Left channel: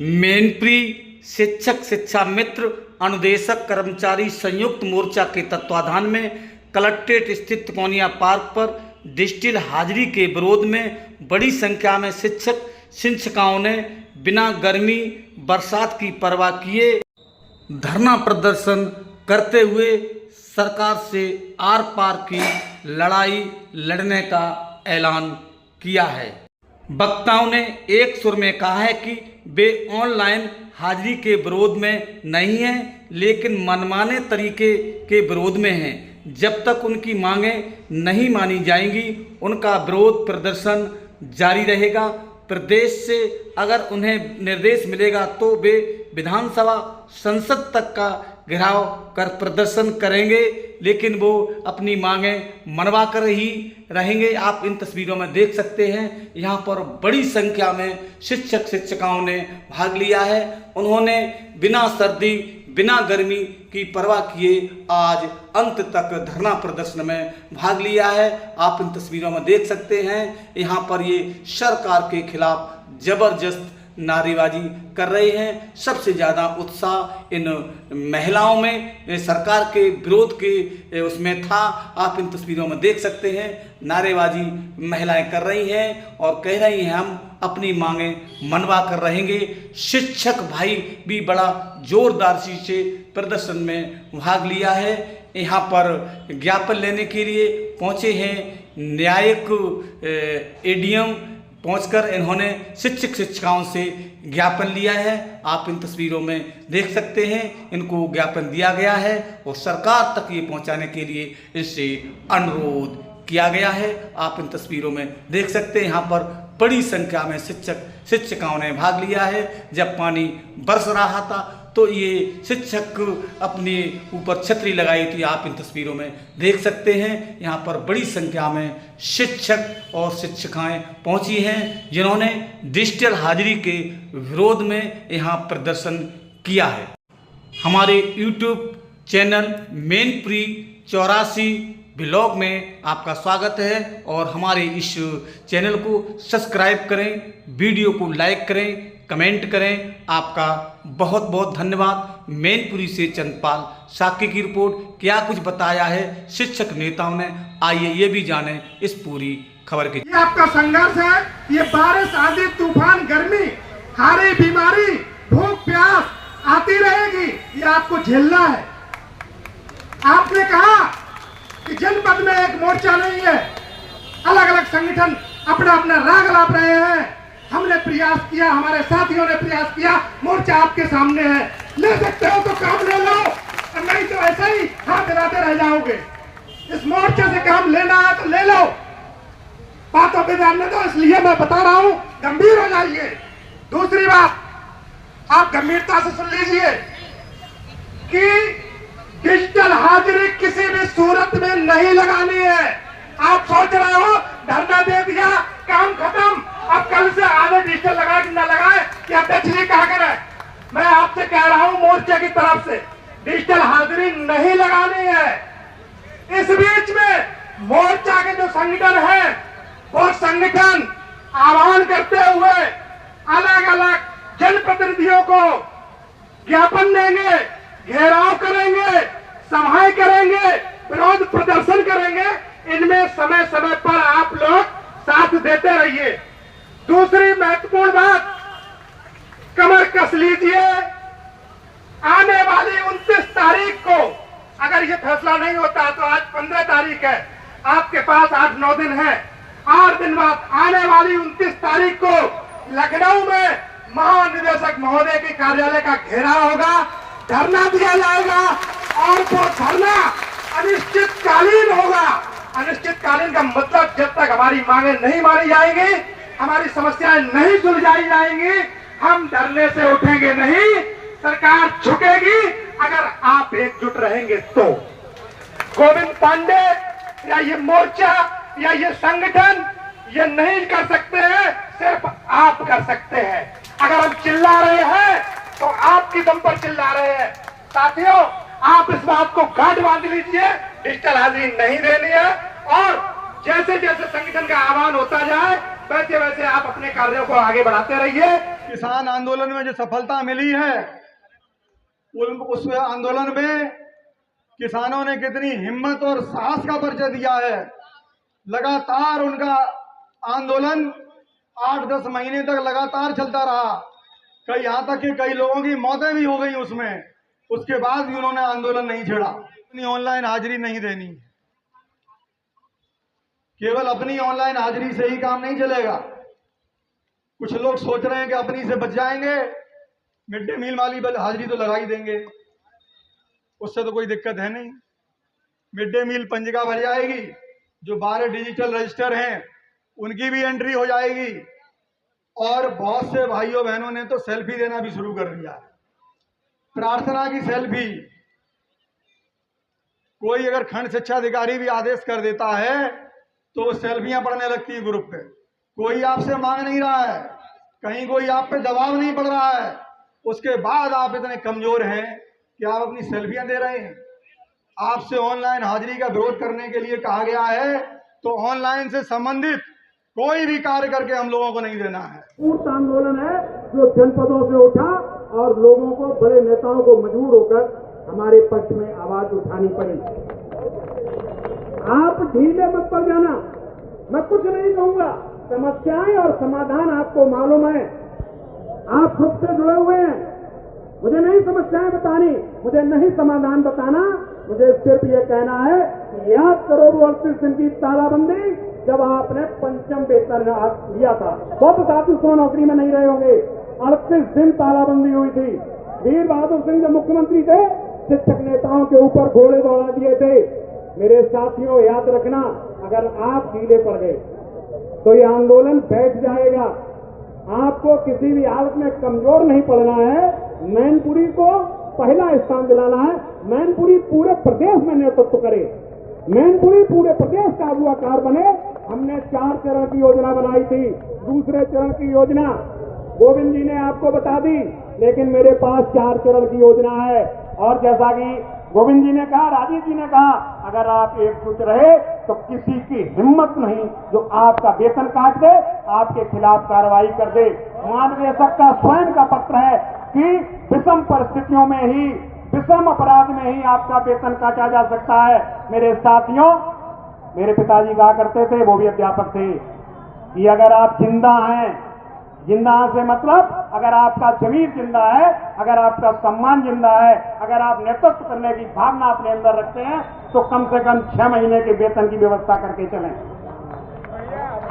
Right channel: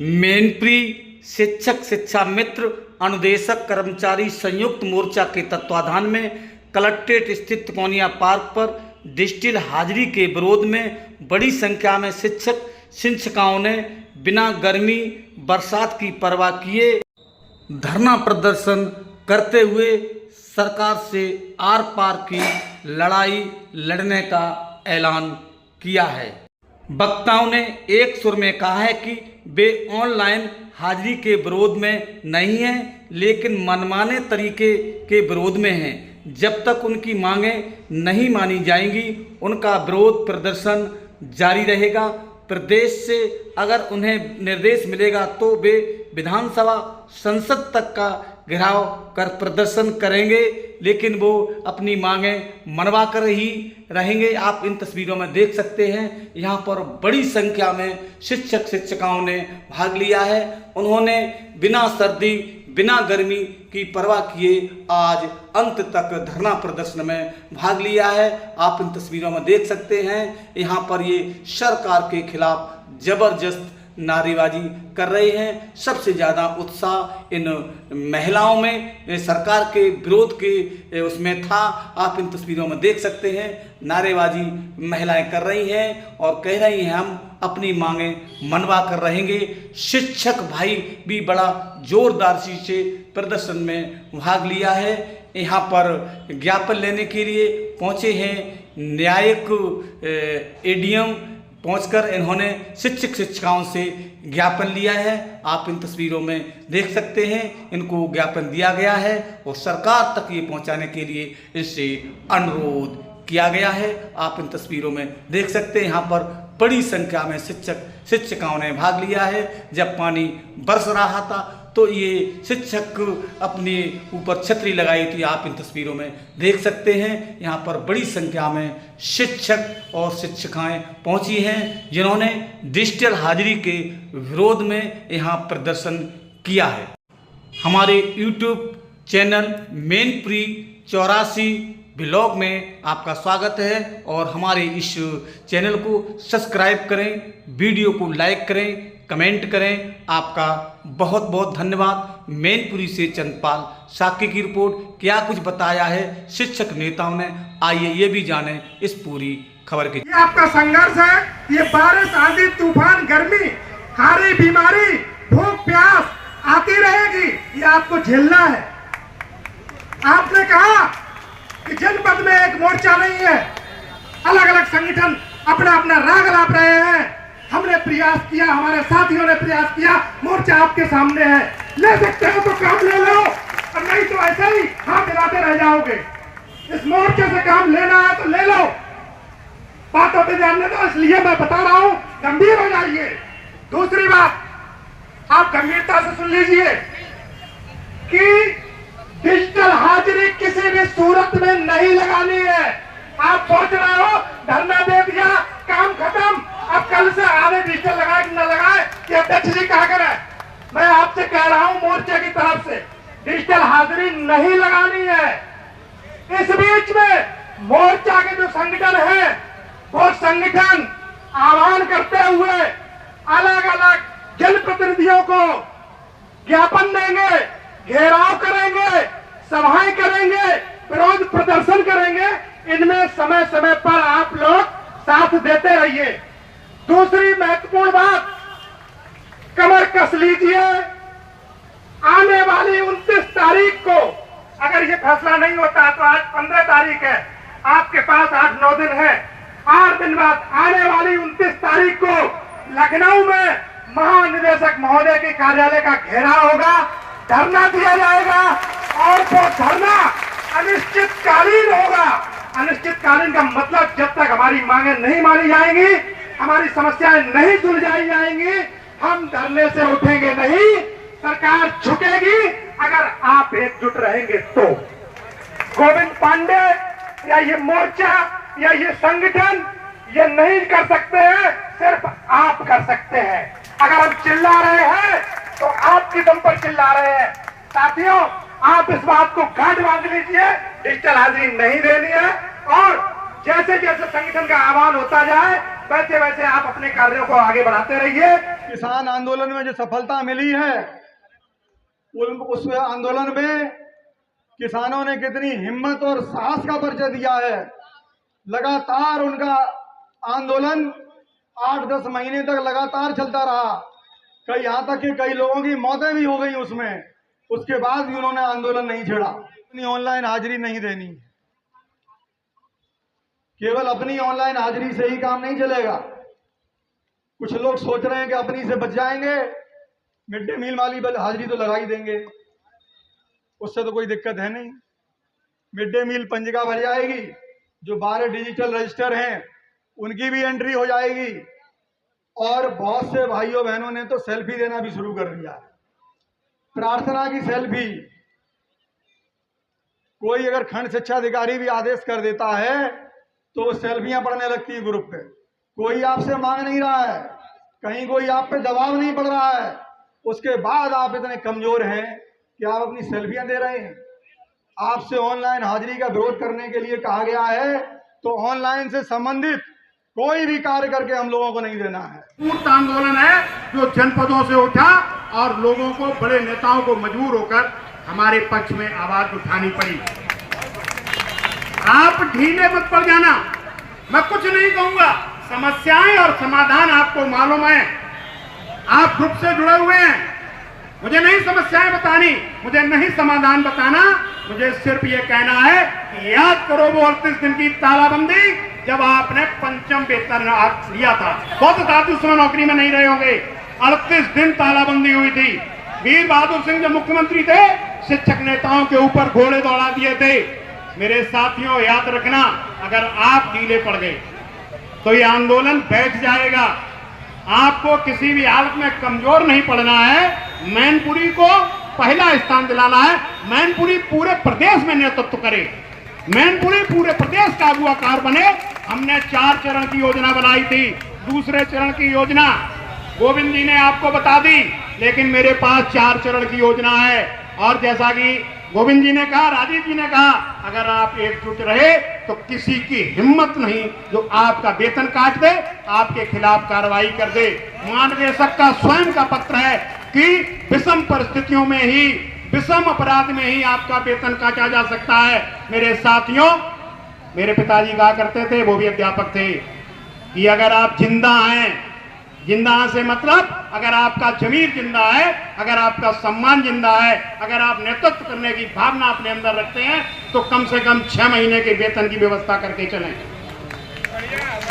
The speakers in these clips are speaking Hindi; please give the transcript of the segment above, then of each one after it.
मैनपुरी शिक्षक शिक्षा मित्र अनुदेशक कर्मचारी संयुक्त मोर्चा के तत्वाधान में कलेक्ट्रेट स्थित तिकोनिया पार्क पर डिजिटल हाजिरी के विरोध में बड़ी संख्या में शिक्षक शिक्षिकाओं ने बिना गर्मी बरसात की परवाह किए धरना प्रदर्शन करते हुए सरकार से आर पार की लड़ाई लड़ने का ऐलान किया है। वक्ताओं ने एक सुर में कहा है कि वे ऑनलाइन हाजिरी के विरोध में नहीं हैं, लेकिन मनमाने तरीके के विरोध में हैं। जब तक उनकी मांगें नहीं मानी जाएंगी, उनका विरोध प्रदर्शन जारी रहेगा। प्रदेश से अगर उन्हें निर्देश मिलेगा तो वे विधानसभा संसद तक का घेराव कर प्रदर्शन करेंगे, लेकिन वो अपनी मांगें मनवा कर ही रहेंगे। आप इन तस्वीरों में देख सकते हैं, यहाँ पर बड़ी संख्या में शिक्षक शिक्षिकाओं ने भाग लिया है। उन्होंने बिना सर्दी बिना गर्मी की परवाह किए आज अंत तक धरना प्रदर्शन में भाग लिया है। आप इन तस्वीरों में देख सकते हैं, यहाँ पर ये सरकार के खिलाफ जबरदस्त नारेबाजी कर रहे हैं। सबसे ज़्यादा उत्साह इन महिलाओं में सरकार के विरोध के उसमें था। आप इन तस्वीरों में देख सकते हैं, नारेबाजी महिलाएं कर रही हैं और कह रही हैं हम अपनी मांगें मनवा कर रहेंगे। शिक्षक भाई भी बड़ा जोरदार से प्रदर्शन में भाग लिया है। यहाँ पर ज्ञापन लेने के लिए पहुँचे हैं। न्यायिक एडीएम पहुंचकर इन्होंने शिक्षक शिक्षिकाओं से ज्ञापन लिया है। आप इन तस्वीरों में देख सकते हैं, इनको ज्ञापन दिया गया है और सरकार तक ये पहुंचाने के लिए इससे अनुरोध किया गया है। आप इन तस्वीरों में देख सकते हैं, यहाँ पर बड़ी संख्या में शिक्षक शिक्षिकाओं ने भाग लिया है। जब पानी बरस रहा था तो ये शिक्षक अपने ऊपर छतरी लगाई थी। आप इन तस्वीरों में देख सकते हैं, यहाँ पर बड़ी संख्या में शिक्षक और शिक्षिकाएं पहुंची हैं, जिन्होंने डिजिटल हाजिरी के विरोध में यहाँ प्रदर्शन किया है। हमारे यूट्यूब चैनल मैनपुरी 84 ब्लॉग में आपका स्वागत है और हमारे इस चैनल को सब्सक्राइब करें, वीडियो को लाइक करें, कमेंट करें। आपका बहुत बहुत धन्यवाद। मैनपुरी से चंद्रपाल साकी की रिपोर्ट। क्या कुछ बताया है शिक्षक नेताओं ने, आइए ये भी जानें इस पूरी खबर की। ये आपका संघर्ष है। ये बारिश आंधी तूफान गर्मी हारी बीमारी भूख प्यास आती रहेगी, ये आपको झेलना है। आपने कहा कि जनपद में एक मोर्चा नहीं है, अलग अलग संगठन अपना अपना राग लाप रहे हैं। हमने प्रयास किया, हमारे साथियों ने प्रयास किया, मोर्चा आपके सामने है। ले सकते हो तो काम ले लो, और नहीं तो ऐसे ही हाथ हिलाते रह जाओगे। इस मोर्चे से काम लेना है तो ले लो, बातों पे जानने दो। इसलिए मैं बता रहा हूं, गंभीर हो जाइए। दूसरी बात, आप गंभीरता से सुन लीजिए कि डिजिटल हाजिरी किसी भी सूरत में नहीं लगानी है। आप सोच रहे हो धरना दे दिया काम खत्म, अब कल से आधे डिजिटल लगाए कि न लगाए कि अध्यक्ष जी क्या करें। मैं आपसे कह रहा हूं, मोर्चे की तरफ से डिजिटल हाजिरी नहीं लगानी है। इस बीच में मोर्चा के जो संगठन हैं, वो संगठन आह्वान करते हुए अलग अलग जनप्रतिनिधियों को ज्ञापन देंगे, घेराव करेंगे, सभाएं करेंगे, विरोध प्रदर्शन करेंगे। इनमें समय समय पर आप लोग साथ देते रहिए। दूसरी महत्वपूर्ण बात, कमर कस लीजिए। आने वाली 29 तारीख को अगर ये फैसला नहीं होता तो आज 15 तारीख है, आपके पास 8-9 दिन है। 8 दिन बाद आने वाली 29 तारीख को लखनऊ में महानिदेशक महोदय के कार्यालय का घेराव होगा, धरना दिया जाएगा और वो धरना अनिश्चितकालीन होगा। अनिश्चितकालीन का मतलब जब तक हमारी मांगे नहीं मानी जाएंगी, हमारी समस्याएं नहीं सुलझाई जाएंगी, हम धरने से उठेंगे नहीं। सरकार झुकेगी अगर आप एकजुट रहेंगे तो। गोविंद पांडे या ये मोर्चा या ये संगठन ये नहीं कर सकते हैं, सिर्फ आप कर सकते हैं। अगर हम चिल्ला रहे हैं तो आपकी दम पर चिल्ला रहे हैं। साथियों, आप इस बात को गांठ बांध लीजिए, डिजिटल हाजिरी नहीं देनी है और जैसे जैसे संगठन का आह्वान होता जाए वैसे वैसे आप अपने कार्यों को आगे बढ़ाते रहिए। किसान आंदोलन में जो सफलता मिली है, उस आंदोलन में किसानों ने कितनी हिम्मत और साहस का परिचय दिया है। लगातार उनका आंदोलन 8-10 महीने तक लगातार चलता रहा। कई यहाँ तक कि कई लोगों की मौतें भी हो गई उसमें। उसके बाद भी उन्होंने आंदोलन नहीं छेड़ा। अपनी ऑनलाइन हाजिरी नहीं देनी, केवल अपनी ऑनलाइन हाजिरी से ही काम नहीं चलेगा। कुछ लोग सोच रहे हैं कि अपनी से बच जाएंगे, मिड डे मील वाली हाजिरी तो लगा ही देंगे, उससे तो कोई दिक्कत है नहीं। मिड डे मील पंजिका भर जाएगी, जो 12 डिजिटल रजिस्टर हैं उनकी भी एंट्री हो जाएगी। और बहुत से भाइयों बहनों ने तो सेल्फी देना भी शुरू कर दिया, प्रार्थना की सेल्फी। कोई अगर खंड शिक्षा अधिकारी भी आदेश कर देता है तो वो सेल्फियां पढ़ने लगती है ग्रुप पे। कोई आपसे मांग नहीं रहा है, कहीं कोई आप पे दबाव नहीं पड़ रहा है, उसके बाद आप इतने कमजोर हैं कि आप अपनी सेल्फियां दे रहे हैं। आपसे ऑनलाइन हाजिरी का विरोध करने के लिए कहा गया है, तो ऑनलाइन से संबंधित कोई भी कार्य करके हम लोगों को नहीं देना है। पूर्ण आंदोलन है जो जनपदों से उठा और लोगों को, बड़े नेताओं को मजबूर होकर हमारे पक्ष में आवाज उठानी पड़ी। आप ढीले मत पड़ जाना, मैं कुछ नहीं कहूंगा। समस्याएं और समाधान आपको मालूम है, आप ग्रुप से जुड़े हुए हैं। मुझे नहीं समस्याएं बतानी, मुझे नहीं समाधान बताना, मुझे सिर्फ ये कहना है कि याद करो वो 38 दिन की तालाबंदी जब आपने पंचम वेतन लिया था। बहुत साथी उसमें नौकरी में नहीं रहे होंगे। 38 दिन तालाबंदी हुई थी। वीर बहादुर सिंह जब मुख्यमंत्री थे, शिक्षक नेताओं के ऊपर घोड़े दौड़ा दिए थे। मेरे साथियों याद रखना, अगर आप ढीले पड़ गए तो ये आंदोलन बैठ जाएगा। आपको किसी भी हालत में कमजोर नहीं पड़ना है। मैनपुरी को पहला स्थान दिलाना है। मैनपुरी पूरे प्रदेश में नेतृत्व करे, मैनपुरी पूरे प्रदेश का अगुवाकार बने। हमने 4 चरण की योजना बनाई थी। दूसरे चरण की योजना गोविंद जी ने आपको बता दी, लेकिन मेरे पास 4 चरण की योजना है। और जैसा कि गोविंद जी ने कहा, राजीव जी ने कहा, अगर आप एकजुट रहे तो किसी की हिम्मत नहीं जो आपका वेतन काट दे, आपके खिलाफ कार्रवाई कर दे। महानिदेशक का स्वयं का पत्र है कि विषम परिस्थितियों में ही, विषम अपराध में ही आपका वेतन काटा जा सकता है। मेरे साथियों, मेरे पिताजी कहा करते थे, वो भी अध्यापक थे, कि अगर आप जिंदा हैं, जिंदा से मतलब अगर आपका जमीर जिंदा है, अगर आपका सम्मान जिंदा है, अगर आप नेतृत्व करने की भावना अपने अंदर रखते हैं, तो कम से कम 6 महीने के वेतन की व्यवस्था करके चलें।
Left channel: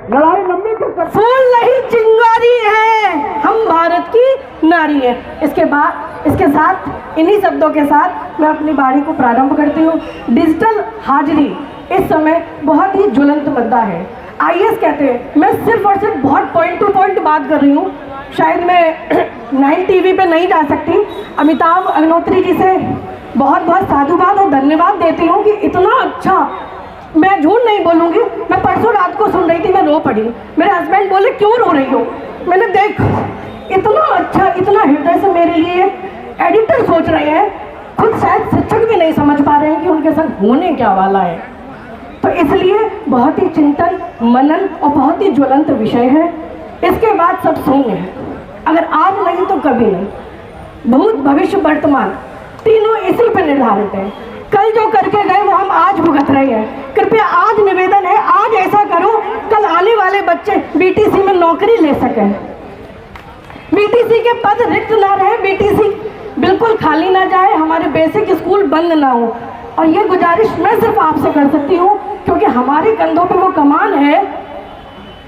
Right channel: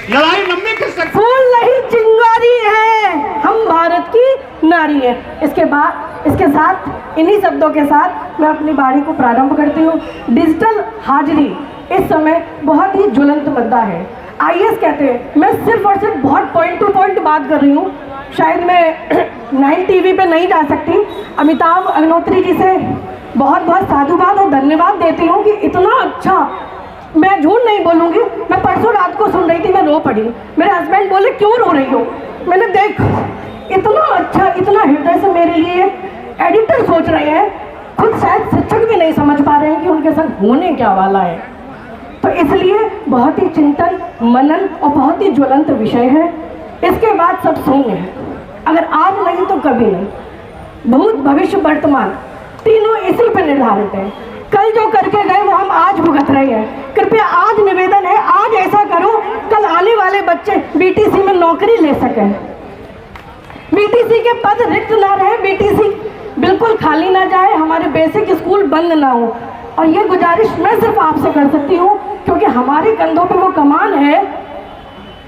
लड़ाई लंबी कर सकते, फूल नहीं चिंगारी है, हम भारत की नारी है। इसके साथ इन्हीं शब्दों के साथ मैं अपनी बारी को प्रारंभ करती हूँ। डिजिटल हाजिरी इस समय बहुत ही ज्वलंत मुद्दा है। आईएएस कहते हैं, मैं सिर्फ और सिर्फ बहुत पॉइंट टू पॉइंट बात कर रही हूँ। शायद मैं 9 टीवी पे नहीं जा सकती। अमिताभ अग्निहोत्री जी से बहुत बहुत साधुवाद और धन्यवाद देती हूँ कि इतना अच्छा, मैं झूठ नहीं बोलूँगी, मैं परसों रात को सुन रही थी, मैं रो पड़ी। मेरे हस्बैंड बोले क्यों रो रही हो? मैंने देख, इतना अच्छा, इतना हृदय से मेरे लिए एडिटर सोच रहे हैं, खुद शायद शिक्षक भी नहीं समझ पा रहे हैं कि उनके साथ होने क्या वाला है। तो इसलिए बहुत ही चिंतन, मनन और बहुत ही ज्वलंत विषय है। इसके बाद सब शून्य है। अगर आज नहीं तो कभी नहीं। भूत, भविष्य, वर्तमान तीनों इसी पर निर्धारित है। कल जो करके गए वो हम आज भुगत रहे हैं। कृपया आज निवेदन है, आज ऐसा करो, कल आने वाले बच्चे बीटीसी में नौकरी ले सकें, बीटीसी के पद रिक्त ना रहे, बीटीसी बिल्कुल खाली ना जाए, हमारे बेसिक स्कूल बंद ना हो। और ये गुजारिश मैं सिर्फ आपसे कर सकती हूँ, क्योंकि हमारे कंधों पे वो कमान है,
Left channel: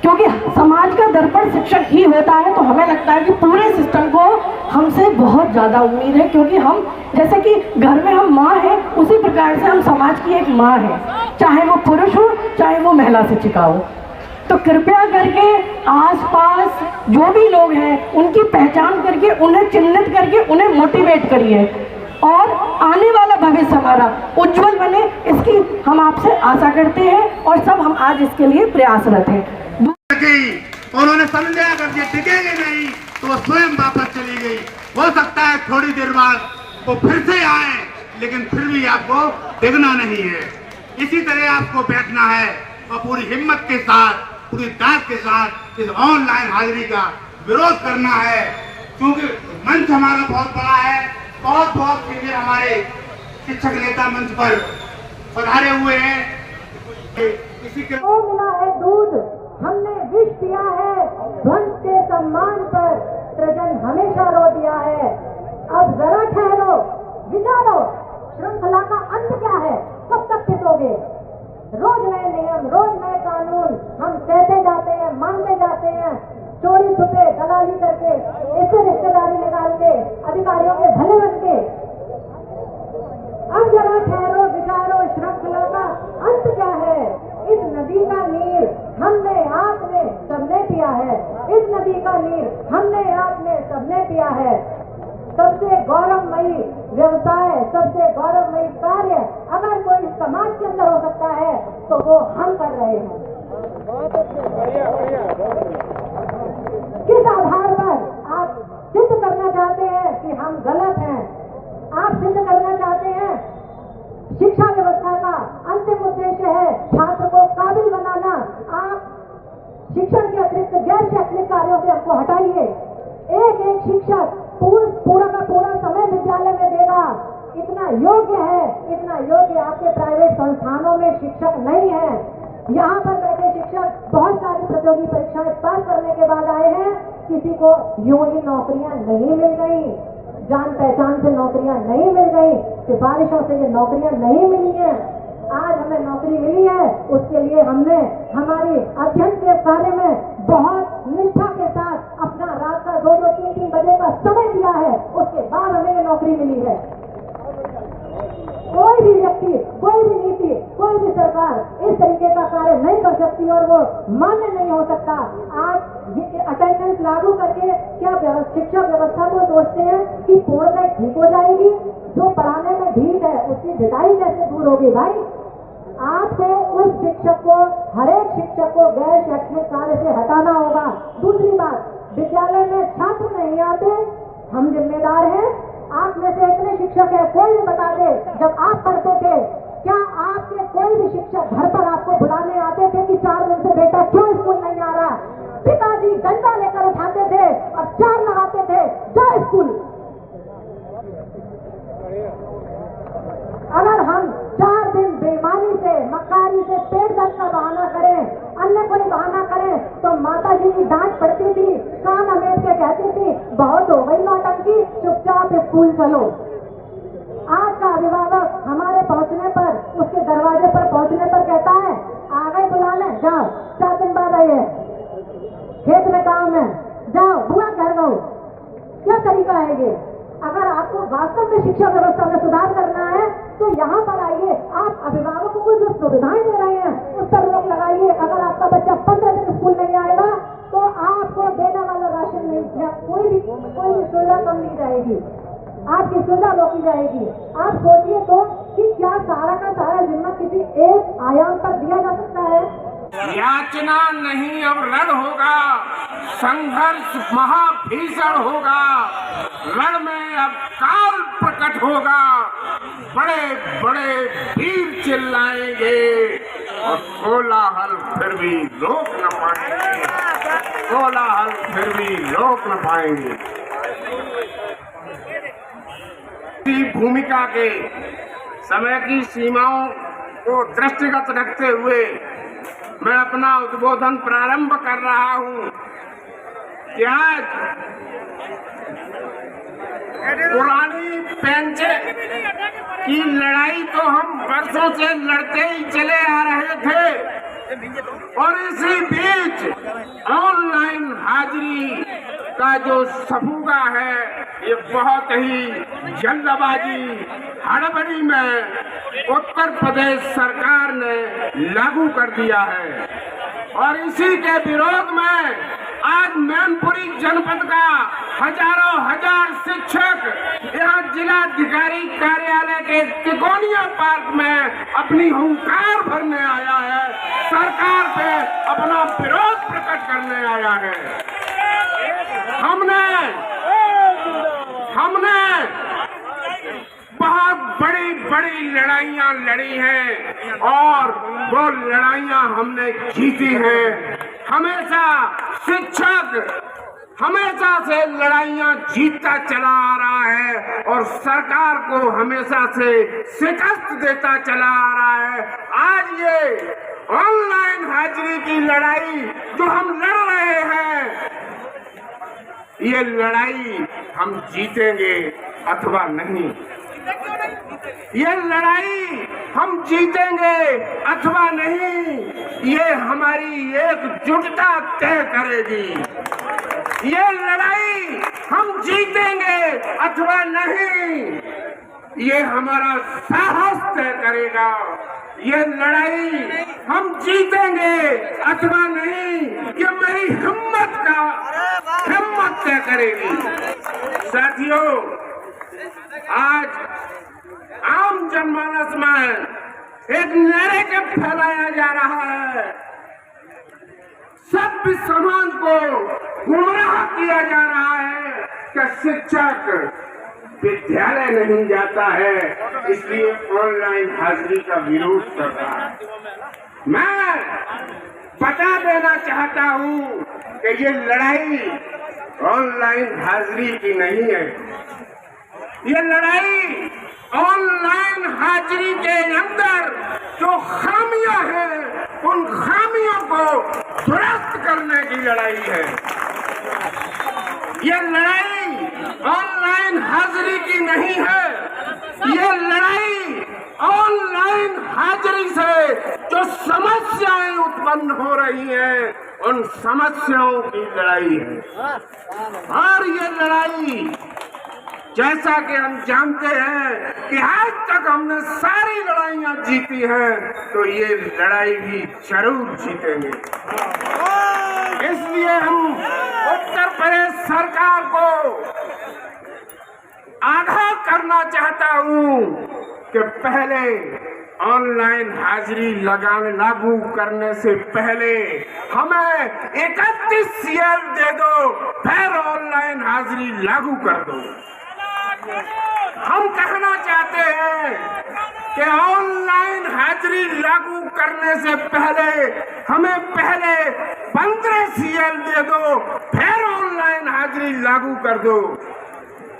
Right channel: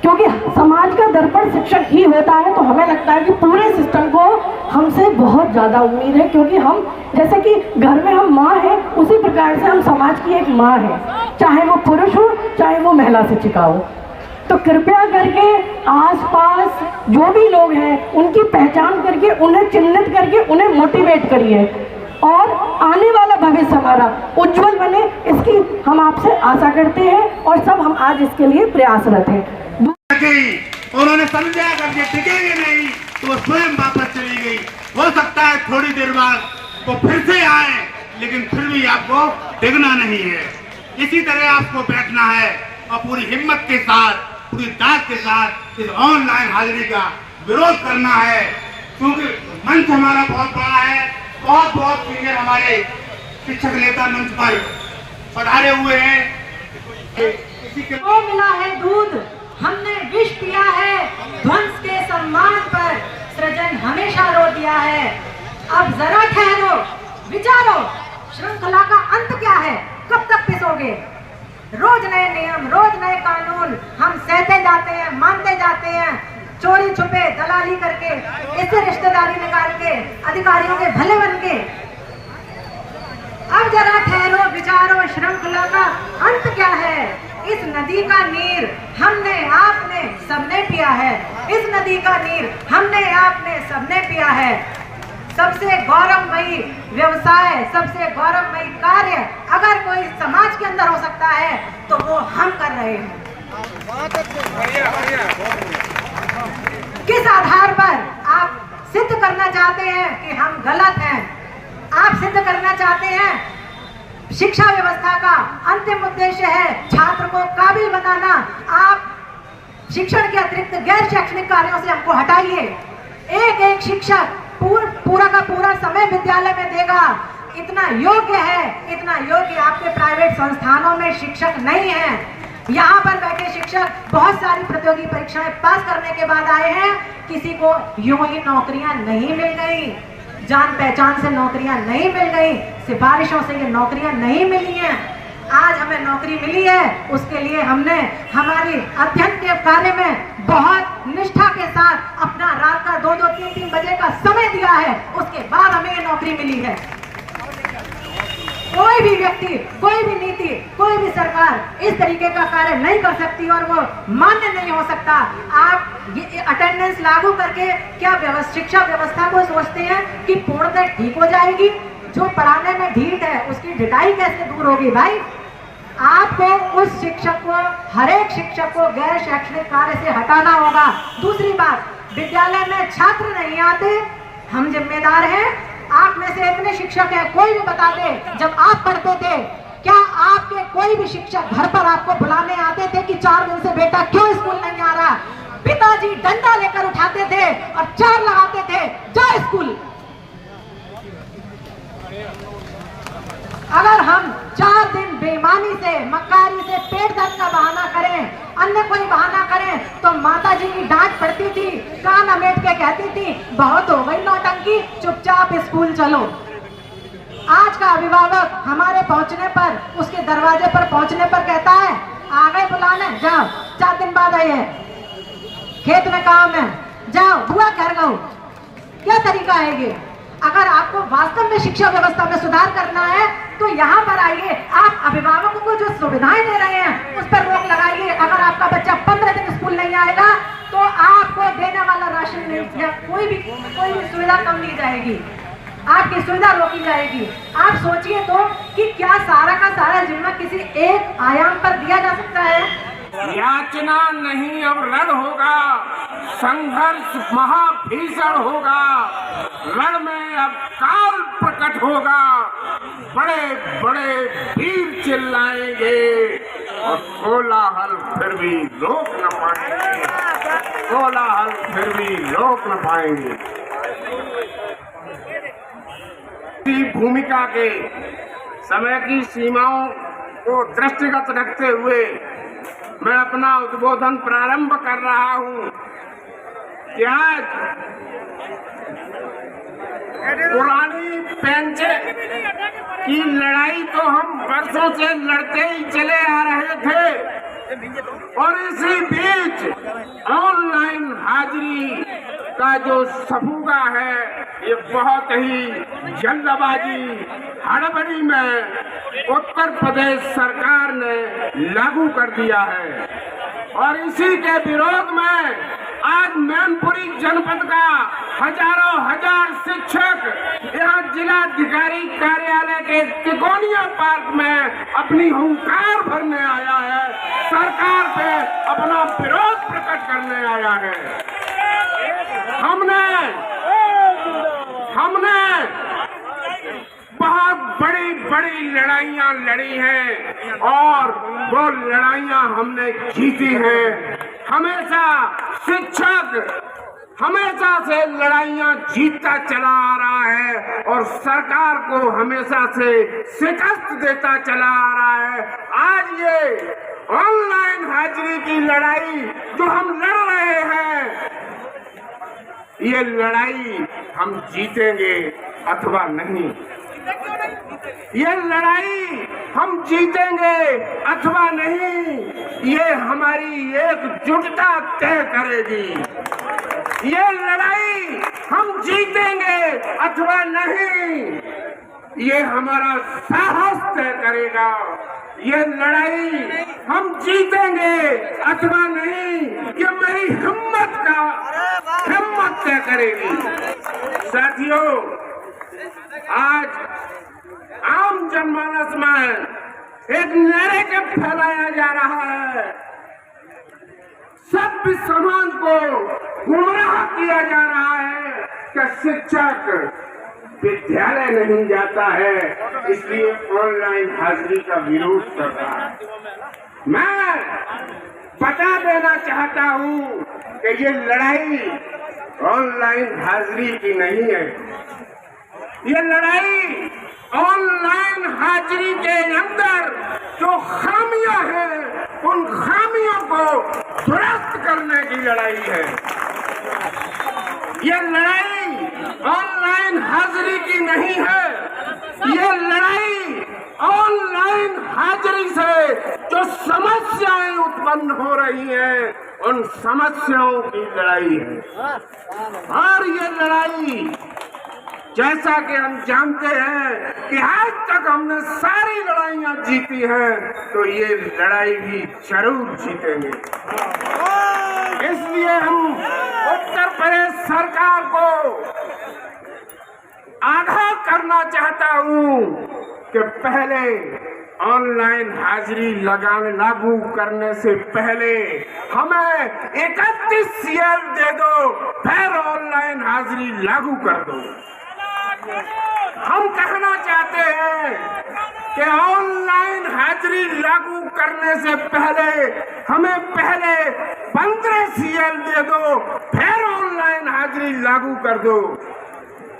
क्योंकि समाज का दर्पण शिक्षक ही होता है। तो हमें लगता है कि पूरे सिस्टम को हमसे बहुत ज़्यादा उम्मीद है, क्योंकि हम, जैसे कि घर में हम माँ हैं, उसी प्रकार से हम समाज की एक माँ हैं, चाहे वो पुरुष हो चाहे वो महिला शिक्षिका हो। तो कृपया करके आसपास जो भी लोग हैं उनकी पहचान करके, उन्हें चिन्हित करके, उन्हें मोटिवेट करिए और आने वाला भविष्य हमारा उज्जवल बने, इसकी हम आपसे आशा करते हैं और सब हम आज इसके लिए प्रयासरत हैं। उन्होंने समझा अगर ये टिकेंगे नहीं तो वो स्वयं वापस चली गई। हो सकता है थोड़ी देर बाद वो फिर से आए, लेकिन फिर भी आपको टिकना नहीं है। इसी तरह आपको बैठना है और पूरी हिम्मत के साथ, पूरी ताकत के साथ इस ऑनलाइन हाजिरी का विरोध करना है, क्योंकि मंच हमारा बहुत बड़ा है। बहुत बहुत सीनियर हमारे शिक्षक नेता मंच पर पधारे हुए हैं। इसी के को मिला है दूध, हमने विष पिया है, ध्वंस के सम्मान पर सृजन हमेशा रो दिया है। अब जरा ठहरो, विचारो, श्रृंखला का अंत क्या है, कब तक पिसोगे? रोज नए नियम, रोज नए कानून हम सहते जाते हैं, मानते जाते हैं, चोरी छुपे दलाली करके, इससे रिश्तेदारी निकाल के, अधिकारियों के भले बन के। अब जरा ठहरो, विचारो, श्रृंखला का अंत क्या है? इस नदी का नीर हमने आपने सबने पिया है, इस नदी का नीर हमने आपने सबने पिया है। सबसे गौरवमयी व्यवसाय, सबसे गौरवमयी कार्य अगर कोई समाज के अंदर हो सकता है तो वो हम कर रहे हैं। किस आधार पर आप सिद्ध करना चाहते हैं कि हम गलत हैं? आप सिद्ध करना चाहते हैं शिक्षा व्यवस्था का अंतिम उद्देश्य है छात्र को काबिल बनाना। आप शिक्षण के अतिरिक्त गैर शैक्षणिक कार्यों से हमको हटाइए। एक एक शिक्षक पूरा का पूरा समय विद्यालय में देगा, इतना योग्य है, इतना योग्य आपके प्राइवेट संस्थानों में शिक्षक नहीं है। यहाँ पर बैठे शिक्षक बहुत सारी प्रतियोगी परीक्षाएं पास करने के बाद आए हैं, किसी को यूं ही नौकरियां नहीं मिल गई, जान पहचान से नौकरियां नहीं मिल गई, सिफारिशों से ये नौकरियां नहीं मिली हैं। आज हमें नौकरी मिली है, उसके लिए हमने हमारी अध्ययन के कार्य में बहुत निष्ठा के साथ अपना रात का 2-2, 3-3 बजे का समय दिया है, उसके बाद हमें ये नौकरी मिली है। कोई भी व्यक्ति, कोई भी नीति, कोई भी सरकार इस तरीके का कार्य नहीं कर सकती और वो मान्य नहीं हो सकता। आप ये अटेंडेंस लागू करके क्या शिक्षा व्यवस्था को सोचते हैं कि पूर्णतः ठीक हो जाएगी? जो पढ़ाने में ढीठ है उसकी ढिठाई कैसे दूर होगी भाई? आपको उस शिक्षक को, हर एक शिक्षक को गैर शैक्षणिक कार्य से हटाना होगा। दूसरी बात, विद्यालय में छात्र नहीं आते, हम जिम्मेदार हैं। आप में से इतने शिक्षक हैं, कोई भी बता दे जब आप पढ़ते थे क्या आपके कोई भी शिक्षक घर पर आपको बुलाने आते थे कि 4 दिन से बेटा क्यों स्कूल नहीं आ रहा? पिताजी डंडा लेकर उठाते थे और 4 लगाते थे, जा स्कूल। अगर हम 4 दिन बेईमानी से, मक्कारी से, पेट दर्द का बहाना करें, अन्य कोई बहाना करें, तो माता जी की डांट पड़ती थी, कान अमेट के कहती थी बहुत हो गई नौटंकी, चुपचाप स्कूल चलो। आज का अभिभावक हमारे पहुंचने पर, उसके दरवाजे पर पहुंचने पर कहता है आ गए बुलाने, जाओ 4 दिन बाद आइए, खेत में काम है, जाओ बुआ घर गो। क्या तरीका है ये? अगर आपको वास्तव में शिक्षा व्यवस्था में सुधार करना है तो यहाँ पर आइए। आप अभिभावकों को जो सुविधाएं दे रहे हैं उस पर रोक लगाइए। अगर आपका बच्चा 15 दिन स्कूल नहीं आएगा तो आपको देने वाला राशन नहीं, या कोई भी सुविधा कम दी जाएगी, आपकी सुविधा रोकी जाएगी। आप सोचिए तो कि क्या सारा का सारा जिम्मा किसी एक आयाम पर दिया जा सकता है? याचना नहीं अब रण होगा, संघर्ष महाभीषण होगा, रण में अब काल प्रकट होगा, बड़े बड़े वीर चिल्लाएंगे और कोलाहल फिर भी रोक न पाएंगे, कोलाहल फिर भी रोक न पाएंगे। भूमिका के समय की सीमाओं को दृष्टिगत रखते हुए मैं अपना उद्बोधन प्रारंभ कर रहा हूं कि आज पुरानी पेंचे की लड़ाई तो हम वर्षों से लड़ते ही चले आ रहे थे, और इसी बीच ऑनलाइन हाजिरी का जो सफूगा है ये बहुत ही जल्दबाजी, हड़बड़ी में उत्तर प्रदेश सरकार ने लागू कर दिया है। और इसी के विरोध में आज मैनपुरी जनपद का हजारों हजार शिक्षक यहाँ जिलाधिकारी कार्यालय के तिकोनिया पार्क में अपनी हुंकार भरने आया है, सरकार पे अपना विरोध प्रकट करने आया है। हमने बहुत बड़ी बड़ी बड़ी लड़ाइयां लड़ी हैं और वो लड़ाइयां हमने जीती हैं। हमेशा शिक्षक हमेशा से लड़ाइयां जीतता चला आ रहा है और सरकार को हमेशा से शिकस्त देता चला आ रहा है। आज ये ऑनलाइन हाजिरी की लड़ाई जो हम लड़ रहे हैं, ये लड़ाई हम जीतेंगे अथवा नहीं। ये लड़ाई हम जीतेंगे अथवा नहीं, ये हमारी एकजुटता तय करेगी। ये लड़ाई हम जीतेंगे अथवा नहीं, ये हमारा साहस तय करेगा। ये लड़ाई हम जीतेंगे अथवा नहीं, ये मेरी हिम्मत तय करेगी। साथियों, आज आम जनमानस में एक नैरेटिव फैलाया जा रहा है, सभ्य समाज को गुमराह किया जा रहा है कि शिक्षक विद्यालय नहीं जाता है इसलिए ऑनलाइन हाजिरी का विरोध कर रहा है। मैं बता देना चाहता हूँ कि ये लड़ाई ऑनलाइन हाजिरी की नहीं है। ये लड़ाई ऑनलाइन हाजिरी के अंदर जो खामियां हैं, उन खामियों को दुरुस्त करने की लड़ाई है। ये लड़ाई ऑनलाइन हाजिरी की नहीं है। ये लड़ाई ऑनलाइन हाजिरी से जो समस्याएं उत्पन्न हो रही हैं, उन समस्याओं की लड़ाई है। और ये लड़ाई, जैसा कि हम जानते हैं कि आज तक हमने सारी लड़ाइयां जीती हैं, तो ये लड़ाई भी जरूर जीतेंगे। इसलिए हम उत्तर प्रदेश सरकार को आगाह करना चाहता हूं कि पहले ऑनलाइन हाजिरी लागू करने से पहले हमें 31 CL दे दो, फिर ऑनलाइन हाजिरी लागू कर दो। हम कहना चाहते हैं कि ऑनलाइन हाजिरी लागू करने से पहले हमें पहले 15 CL दे दो, फिर ऑनलाइन हाजिरी लागू कर दो।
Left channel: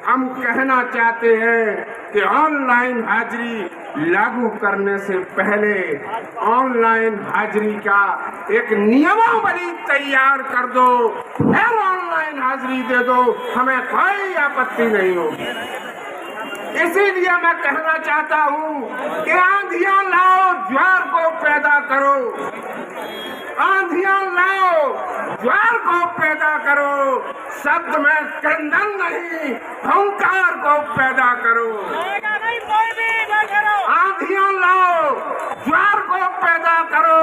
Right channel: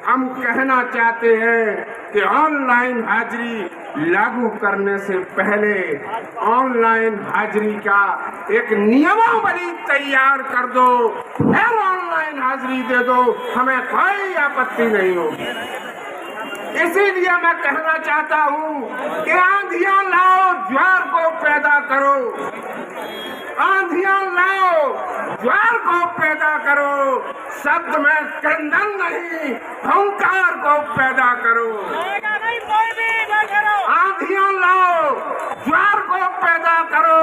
हम कहना चाहते हैं कि ऑनलाइन हाजिरी लागू करने से पहले ऑनलाइन हाजिरी का एक नियमावली तैयार कर दो, फिर ऑनलाइन हाजिरी दे दो, हमें कोई आपत्ति नहीं होगी। इसीलिए मैं कहना चाहता हूँ कि आंधियां लाओ, ज्वार को पैदा करो। आंधियां लाओ, ज्वार को पैदा करो। शब्द में क्रंदन नहीं, अहंकार को पैदा करो। आंधियां लाओ, ज्वार को पैदा करो।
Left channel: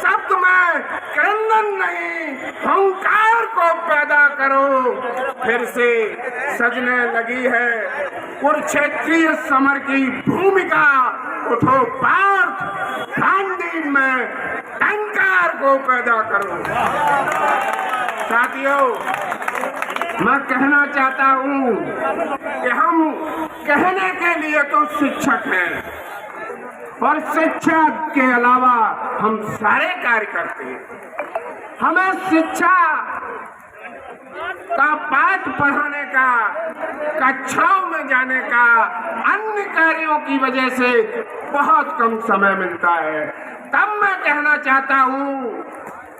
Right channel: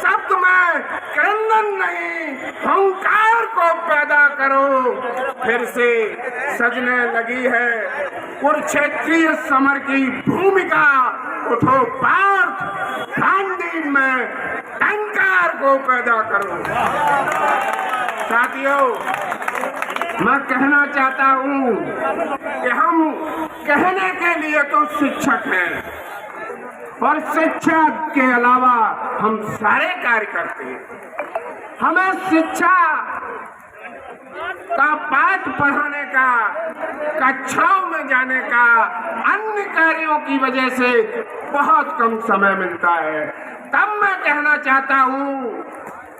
शब्द में क्रंदन नहीं, अहंकार को पैदा करो। फिर से सजने लगी है कुरुक्षेत्रीय समर की भूमिका। उठो पार्थ, गांधी में टंकार को पैदा करो। साथियों, मैं कहना चाहता हूँ कि हम कहने के लिए तो शिक्षक हैं और शिक्षा के अलावा हम सारे कार्य करते हैं। हमें शिक्षा का पाठ पढ़ाने का, कक्षाओं में जाने का, अन्य कार्यों की वजह से बहुत कम समय मिलता है। तब मैं कहना चाहता हूँ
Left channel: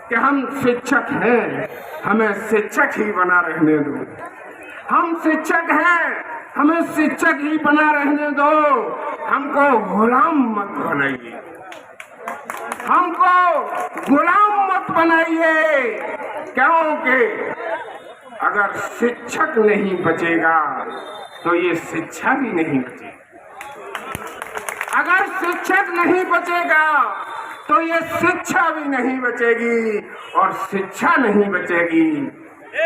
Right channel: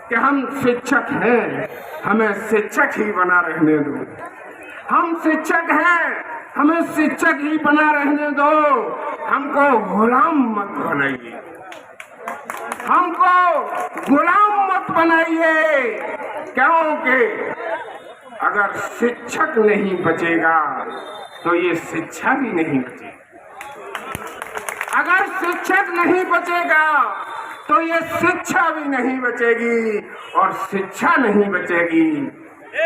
कि हम शिक्षक हैं, हमें शिक्षक ही बना रहने दो। हम शिक्षक हैं, हमें शिक्षक ही बना रहने दो। हमको गुलाम मत बनाइए, हमको गुलाम मत बनाइए। क्योंकि अगर शिक्षक नहीं बचेगा तो ये शिक्षा भी नहीं बचेगी। अगर शिक्षक नहीं बचेगा तो ये शिक्षा भी नहीं बचेगी, और शिक्षा नहीं बचेगी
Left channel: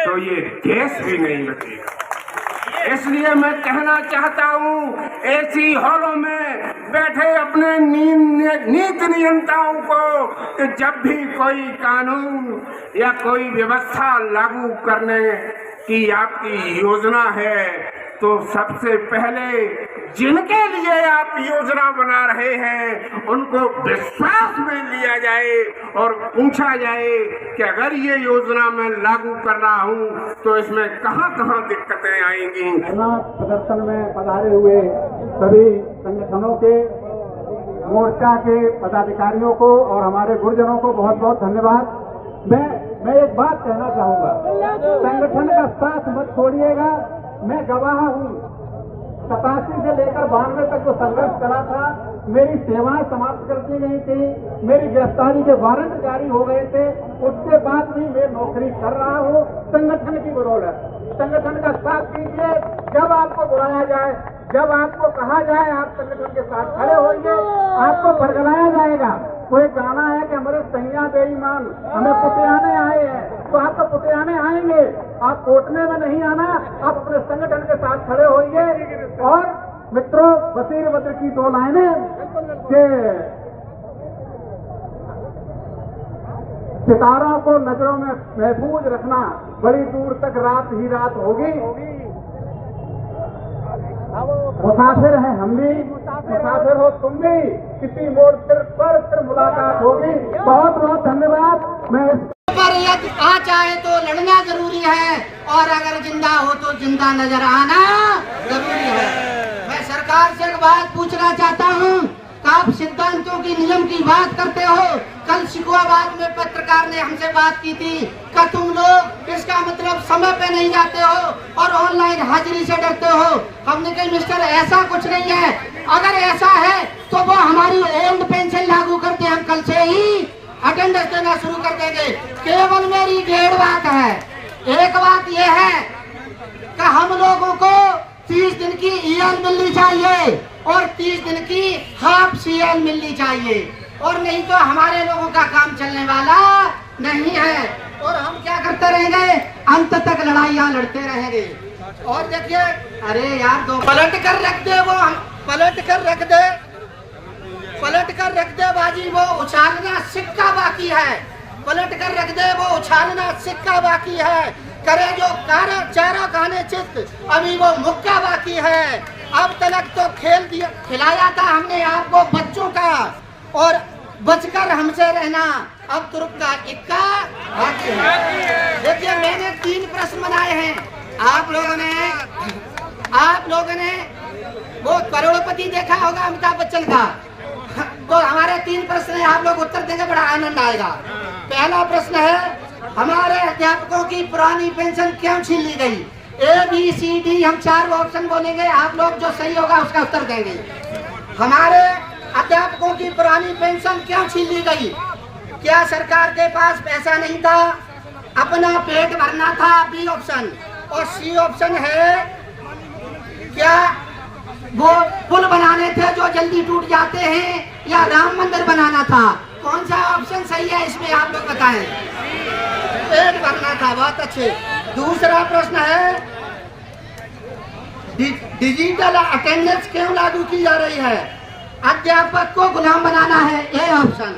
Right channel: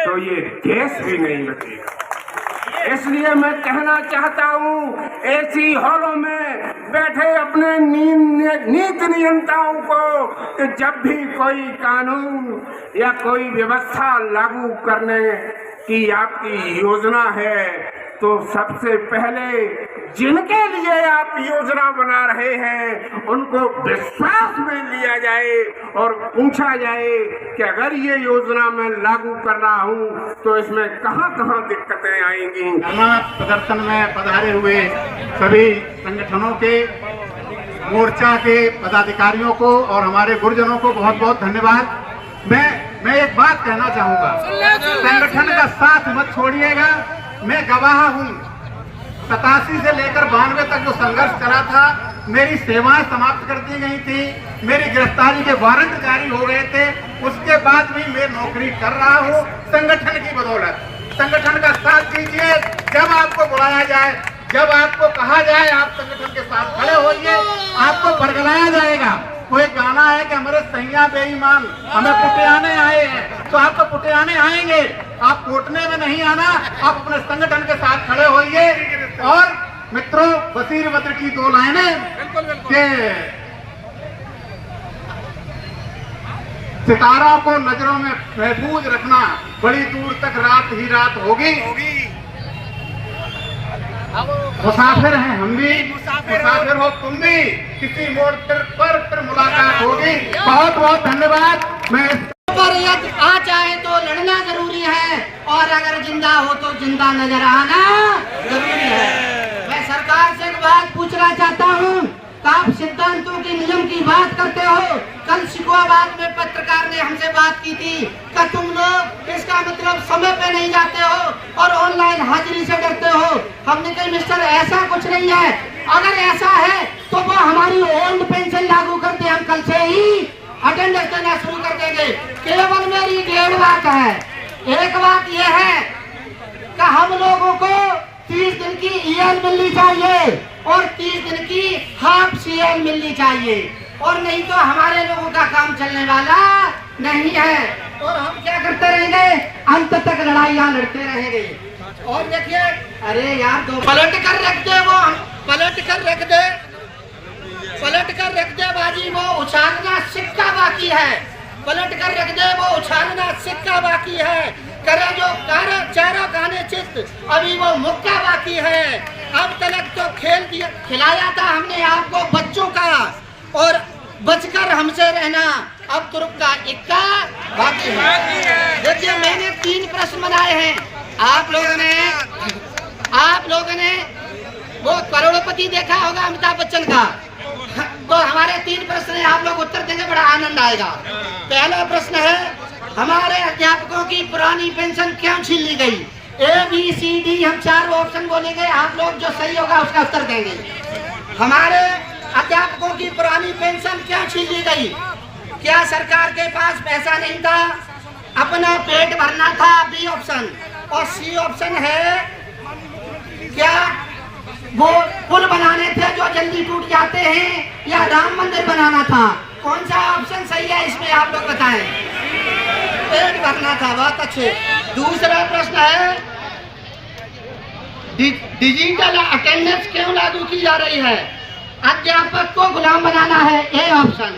तो ये देश भी नहीं बचेगा। इसलिए मैं कहना चाहता हूँ ऐसी हॉलों में बैठे अपने नीति नियंताओं को कि जब भी कोई कानून या कोई व्यवस्था लागू करने की आपकी योजना है तो सबसे पहले जिनके लिए आप योजना बना रहे हैं उनको विश्वास में लिया जाए और पूछा जाए कि अगर ये योजना मैं लागू कर रहा हूँ तो इसमें कहाँ कहाँ दिक्कतें आएंगी। धरना प्रदर्शन में पधारे हुए सभी संगठनों के, मोर्चा के पदाधिकारियों को और हमारे गुरुजनों को बहुत बहुत धन्यवाद। मैं एक बात कहना चाहूंगा, संगठन का साथ मत छोड़िएगा। मैं गवाह हूँ, 87 से लेकर 92 तक जो संघर्ष चला था, मेरी सेवाएं समाप्त कर दी गई थी, मेरी गिरफ्तारी के वारंट जारी हो गए थे, उसके बाद भी मैं नौकरी कर रहा हूँ संगठन की बदौलत। संगठन का साथ दीजिए, जब आपको बुलाया जाए, जब आपको कहा जाए आप संगठन के साथ खड़े होइए, आपको बरगलाया जाएगा। कोई गाना है कि हमारे सैया बेईमान हमें पुटियाने आए हैं, तो आप तो पुटियाने आएंगे, आप कोटने में नहीं आना, आप अपने संगठन के साथ खड़े होइए। और मित्रों, बशीर बद्र की 2 लाइनें के सितारा को नजरों में महफूज रखना, बड़ी दूर तक रात ही रात होगी। मुसाफिर हैं हम भी, मुसाफिर हो तुम भी, किसी मोड़ पर फिर मुलाकात होगी। बहुत बहुत धन्यवाद। मैं पर आ चाहे तो लड़ना जरूरी है, और अगर जिंदा हो तो जिंदा नजर आना जरूरी है। मैं सरकार से एक बात पूछना चाहता हूँ, आप सिद्धांतों के नियम की बात करते हो। कल शिकोहाबाद में पत्रकार ने हमसे बात की थी कि तुम लोग इसका मतलब समय पे नहीं जाते हो और ऑनलाइन हाजिरी से डरते हो। हमने कहा मिस्टर ऐसा कुछ नहीं है, अगर ऐसा है तो वो हमारी ओल्ड पेंशन लागू करते, हम कल से ही अटेंडेंस देना शुरू कर देंगे। केवल मेरी 1.5 बात है। एक बात यह है कि हम लोगों को 30 दिन की EL मिलनी चाहिए और 30 दिन की हाफ CL मिलनी चाहिए, और नहीं तो हमारे लोगों का काम चलने वाला नहीं है। और हम क्या करते रहेंगे, अंत तक लड़ाइयां लड़ते रहेंगे। और देखिए, अरे यार दो पलट कर रख दे, वो पलट कर रख दे, पलट कर रख दे बाजी, वो उछालना सिक्का बाकी है। पलट कर रख दे, वो उछालना सिक्का बाकी है। करे जो चारों खाने चित्त, अभी वो मुक्का बाकी है। अब तक तो खेल दिया, खिलाया था हमने आपको बच्चों का, और बचकर हमसे रहना, अब तुर्क का इक्का बाकी है। देखिए, मैंने 3 प्रश्न बनाए हैं। आप लोगों ने वो करोड़पति देखा होगा अमिताभ बच्चन का, तो हमारे 3 प्रश्न हैं, आप लोग उत्तर देंगे, बड़ा आनंद आएगा। पहला प्रश्न है, हमारे अध्यापकों की पुरानी पेंशन क्यों छीन ली गई? ABCD हम 4 ऑप्शन बोलेंगे, आप लोग जो सही होगा उसका उत्तर देंगे। हमारे अध्यापकों की पुरानी पेंशन क्यों छीन ली गई? क्या सरकार के पास पैसा नहीं था, अपना पेट भरना था, B ऑप्शन। और C ऑप्शन है, क्या वो पुल बनाने थे जो जल्दी टूट जाते हैं, या राम मंदिर बनाना था? कौन सा ऑप्शन सही है इसमें आप लोग बताएं। पेट भरना था, बहुत अच्छे। दूसरा प्रश्न है, डिजिटल अटेंडेंस क्यों लागू की जा रही है? अध्यापक को गुलाम बनाना है, A ऑप्शन।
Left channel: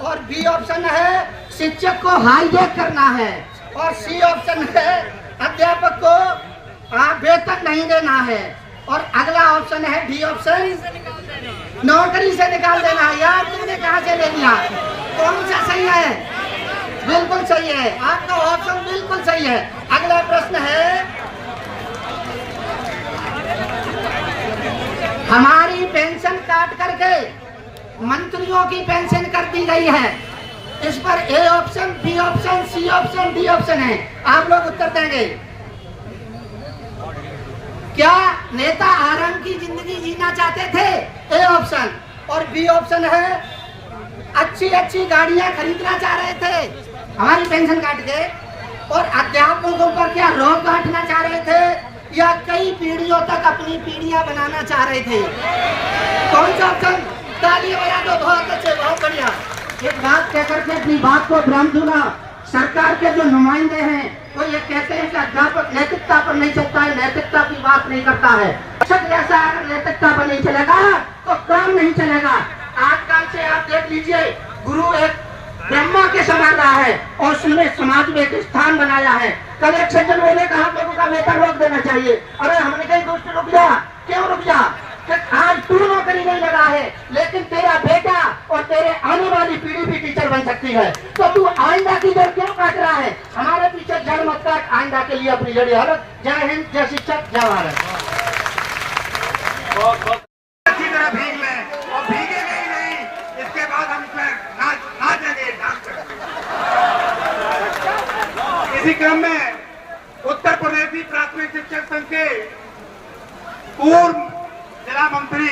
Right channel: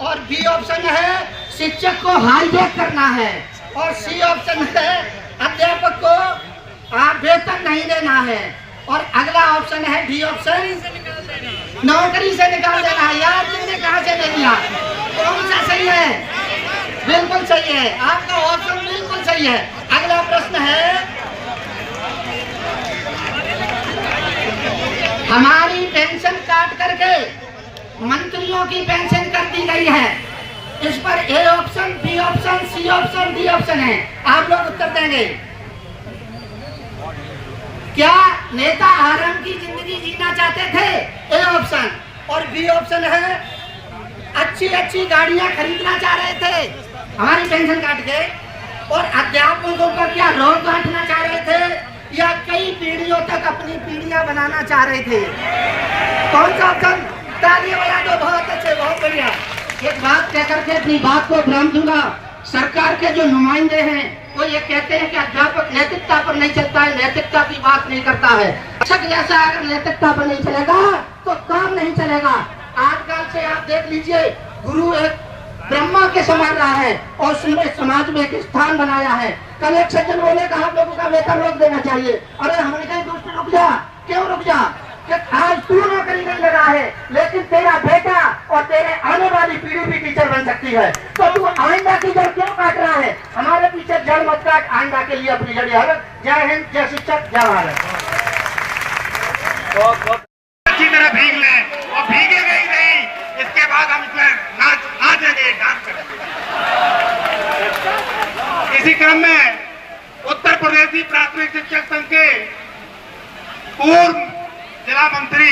और B ऑप्शन है, शिक्षक को हाईजैक करना है। और C ऑप्शन है, अध्यापक को वेतन नहीं देना है। और अगला ऑप्शन है D ऑप्शन, नौकरी से निकाल देना है। यार तुमने कहाँ से ले लिया? कौन सा सही है? बिल्कुल सही है, आपका ऑप्शन बिल्कुल सही है। अगला प्रश्न है, हमारी पेंशन काट करके मंत्रियों की पेंशन कर दी गई है। इस पर A option, B option, C option, D option है, आप लोग उत्तर देंगे। क्या नेता आराम की जिंदगी जीना चाहते थे? A option. और B ऑप्शन है, अच्छी अच्छी गाड़ियां खरीदना चाह रहे थे हमारी पेंशन काट के। और अध्यापकों पर क्या रोक काटना चाह रहे थे, या कई पीढ़ियों तक अपनी पीढ़ियां बनाना चाह रहे थे? कौन सा ऑप्शन? तालियां बजा दो, बहुत अच्छे, बहुत बढ़िया। एक बात कहकर के अपनी बात को विराम दूंगा। सरकार के जो नुमाइंदे हैं वो ये कहते हैं कि अध्यापक नैतिकता पर नहीं चलता है, नैतिकता की बात नहीं करता है। शिक्षक जैसा अगर नैतिकता पर नहीं चलेगा तो काम नहीं चलेगा। आजकल से आप देख लीजिए, गुरु एक ब्रह्मा के समान रहा है और उसने समाज में एक स्थान बनाया है। कल एक सज्जन बोले कि आप लोगों का वेतन रोक देना चाहिए। अरे हमने कहीं दोस्त रुक जा, क्यों रुक जा? कि तू नौकरी नहीं लगा है, लेकिन तेरा बेटा और तेरे आने वाली पीढ़ी भी टीचर बन सकती है। तो तू आइंदा की जड़ क्यों काट रहा है? हमारे पीछे जड़ मत काट, आइंदा के लिए अपनी जड़ी हालत। जय हिंद, जय शिक्षक, जय भारत। अच्छी तरह भीग लें और भीगेगा ही नहीं, इसके बाद हम इसमें नाचेंगे, डांस करेंगे। इसी क्रम में उत्तर प्रदेशी प्राथमिक शिक्षक संघ के पूर्व जिला मंत्री